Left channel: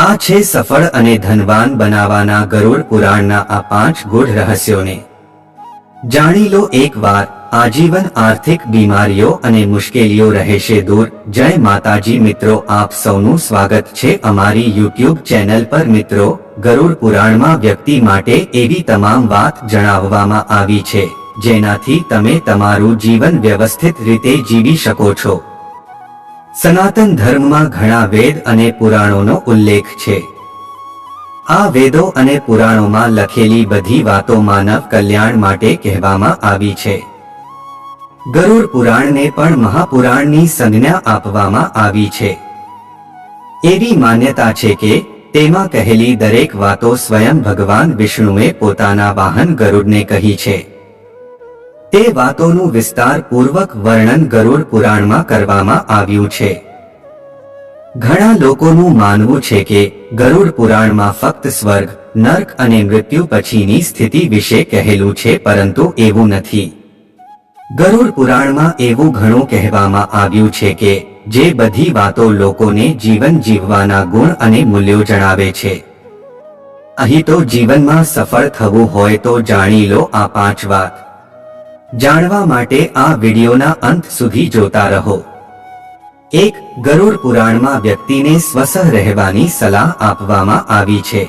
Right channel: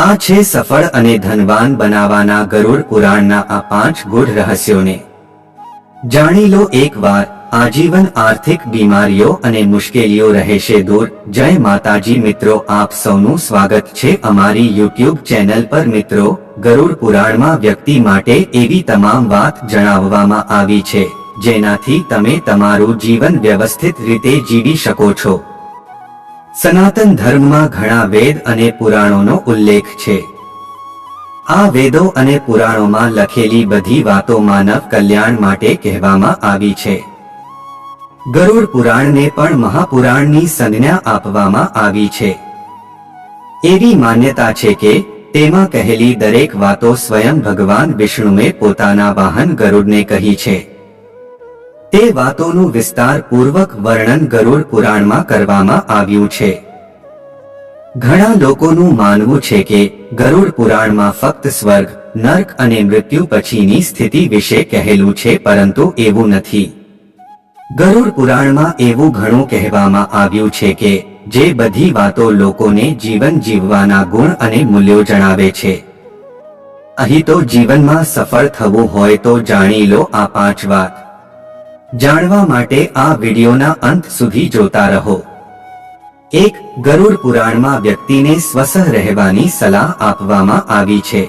આ છે સફળ અને ધનવાન બનાવવાના ગરુડ પુરાણના આ 5 ગૂઢ રહસ્યોને જાણી લો એકવાર। આજીવન આર્થિક બીમારીઓ અને મુશ્કેલીઓ રહેશે દૂર। જય માતાજી મિત્રો, આપ સૌનું સ્વાગત છે અમારી YouTube ચેનલ પર। મિત્રો, ગરુડ પુરાણમાં વ્યક્તિ માટે એવી તમામ વાત જણાવવામાં આવી છે જેનાથી તમે તમારું જીવન વ્યવસ્થિત રીતે જીવી શકો છો। સનાતન ધર્મમાં ઘણા વેદ અને પુરાણોનો ઉલ્લેખ છે। આ વેદો અને પુરાણોમાં લખેલી બધી વાતો માનવ કલ્યાણ માટે કહેવામાં આવી છે। ગરુડ પુરાણને પણ મહાપુરાણની સંજ્ઞા આપવામાં આવી છે। એવી માન્યતા છે કે તેમાં કહેલી દરેક વાતો સ્વયં ભગવાન વિષ્ણુએ પોતાના વાહન ગરુડને કહી છે। તે વાતોનું વિસ્તારપૂર્વક વર્ણન ગરુડ પુરાણમાં કરવામાં આવ્યું છે। ઘણા લોકોનું માનવું છે કે ગરુડ પુરાણમાં ફક્ત સ્વર્ગ, નર્ક અને મૃત્યુ પછીની સ્થિતિ વિશે કહેલું છે, પરંતુ એવું નથી। ગરુડ પુરાણમાં એવું ઘણું કહેવામાં આવ્યું છે કે જે બધી વાતો લોકોને જીવન જીવવાના ગુણ અને મૂલ્યો જણાવે છે। અહીં તો જીવનમાં સફળ થવું હોય તો જાણી લો આ 5 વાત। જાણવા માટે આ વિડિયોના અંત સુધી જોતા રહો। 1. ગરુડ પુરાણમાં વ્યક્તિને સ્વસ્થ રહેવાની સલાહ આપવામાં આવી છે,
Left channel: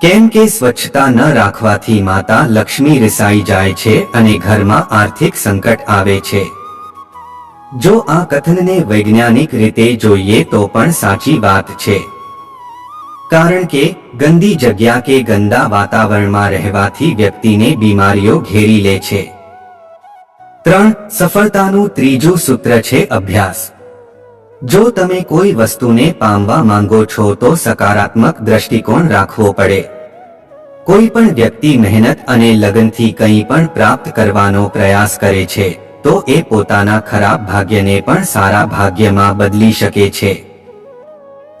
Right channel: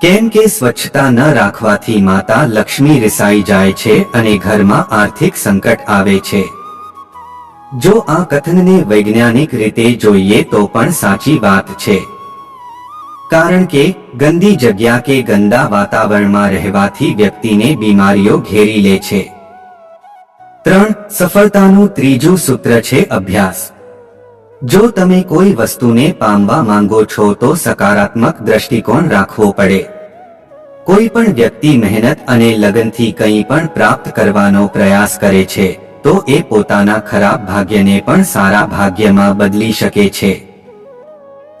કેમ કે સ્વચ્છતા ન રાખવાથી માતા લક્ષ્મી રિસાઈ જાય છે અને ઘરમાં આર્થિક સંકટ આવે છે। જો આ કથનને વૈજ્ઞાનિક રીતે જોઈએ તો પણ સાચી વાત છે, કારણ કે ગંદી જગ્યા કે ગંદા વાતાવરણમાં રહેવાથી વ્યક્તિને બીમારીઓ ઘેરી લે છે। 3. સફળતાનું ત્રીજું સૂત્ર છે અભ્યાસ। જો તમે કોઈ વસ્તુને પામવા માંગો છો તો સકારાત્મક દ્રષ્ટિકોણ રાખવો પડે। કોઈ પણ વ્યક્તિ મહેનત અને લગનથી કંઈ પણ પ્રાપ્ત કરવાનો પ્રયાસ કરે છે તો એ પોતાના ખરાબ ભાગ્યને પણ સારા ભાગ્યમાં બદલી શકે છે।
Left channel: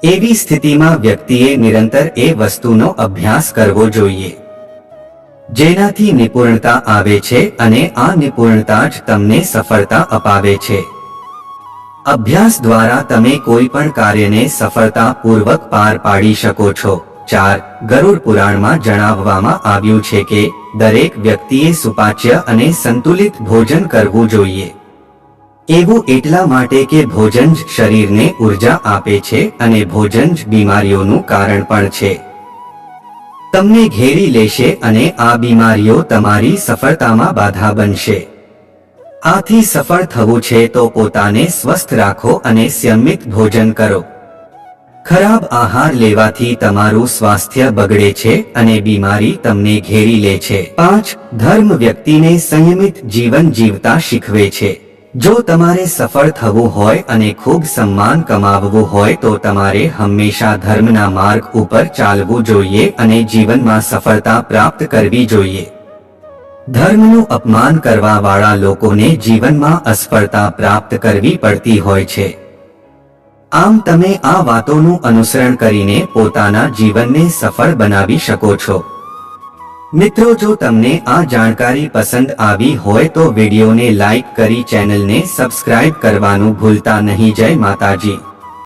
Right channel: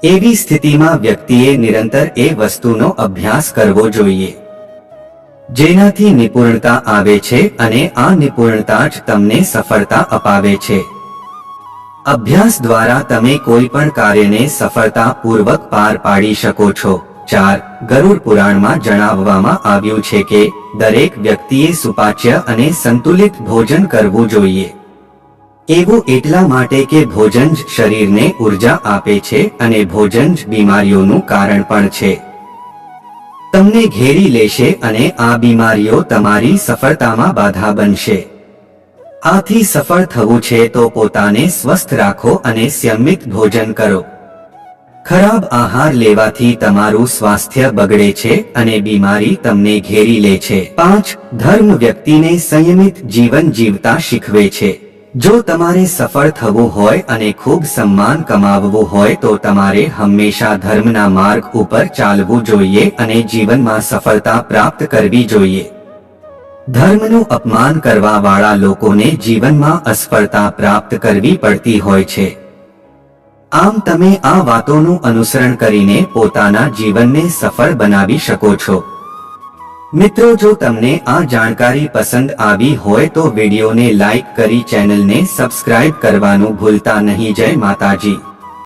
એવી સ્થિતિમાં વ્યક્તિએ નિરંતર એ વસ્તુનો અભ્યાસ કરવો જોઈએ જેનાથી નિપુણતા આવે છે અને આ નિપુણતા જ તમને સફળતા અપાવે છે। અભ્યાસ દ્વારા તમે કોઈ પણ કાર્યને સફળતાપૂર્વક પાર પાડી શકો છો। 4. ગરુડ પુરાણમાં જણાવવામાં આવ્યું છે કે દરેક વ્યક્તિએ સુપાચ્ય અને સંતુલિત ભોજન કરવું જોઈએ। એવું એટલા માટે કે ભોજન જ શરીરને ઉર્જા આપે છે અને ભોજન જ બીમારીઓનું કારણ પણ છે। તમને ઘેરી લેશે અને આ બીમારીઓ તમારી સફળતામાં બાધા બનશે। આથી સફળ થવું છે તો પોતાને સ્વસ્થ રાખો અને સંયમિત ભોજન કરો। ખરાબ આહાર લેવાથી તમારું સ્વાસ્થ્ય બગડે છે અને બીમારી તમને ઘેરી લે છે। 5. ધર્મ વ્યક્તિને સંયમિત જીવન જીવતા શીખવે છે। જો તમારે સફળ થવું હોય અને ખૂબ સન્માન કમાવવું હોય તો તમારે હંમેશા ધર્મના માર્ગ ઉપર ચાલવું જોઈએ અને જીવનમાં સફળતા પ્રાપ્ત કરવી જોઈએ। ધર્મનું અપમાન કરવા વાળા લોકોને જીવનમાં અસફળતા પ્રાપ્ત કરવી પડતી હોય છે। આમ તમે આ વાતોનું અનુસરણ કરીને પોતાના જીવનને સફળ બનાવી શકો છો। મિત્રો, જો તમને આ જાણકારી પસંદ આવી હોય તો વિડીયોને લાઈક કરી ચેનલને સબસ્ક્રાઇબ કરવાનું ભૂલતા નહીં। જય માતાજી।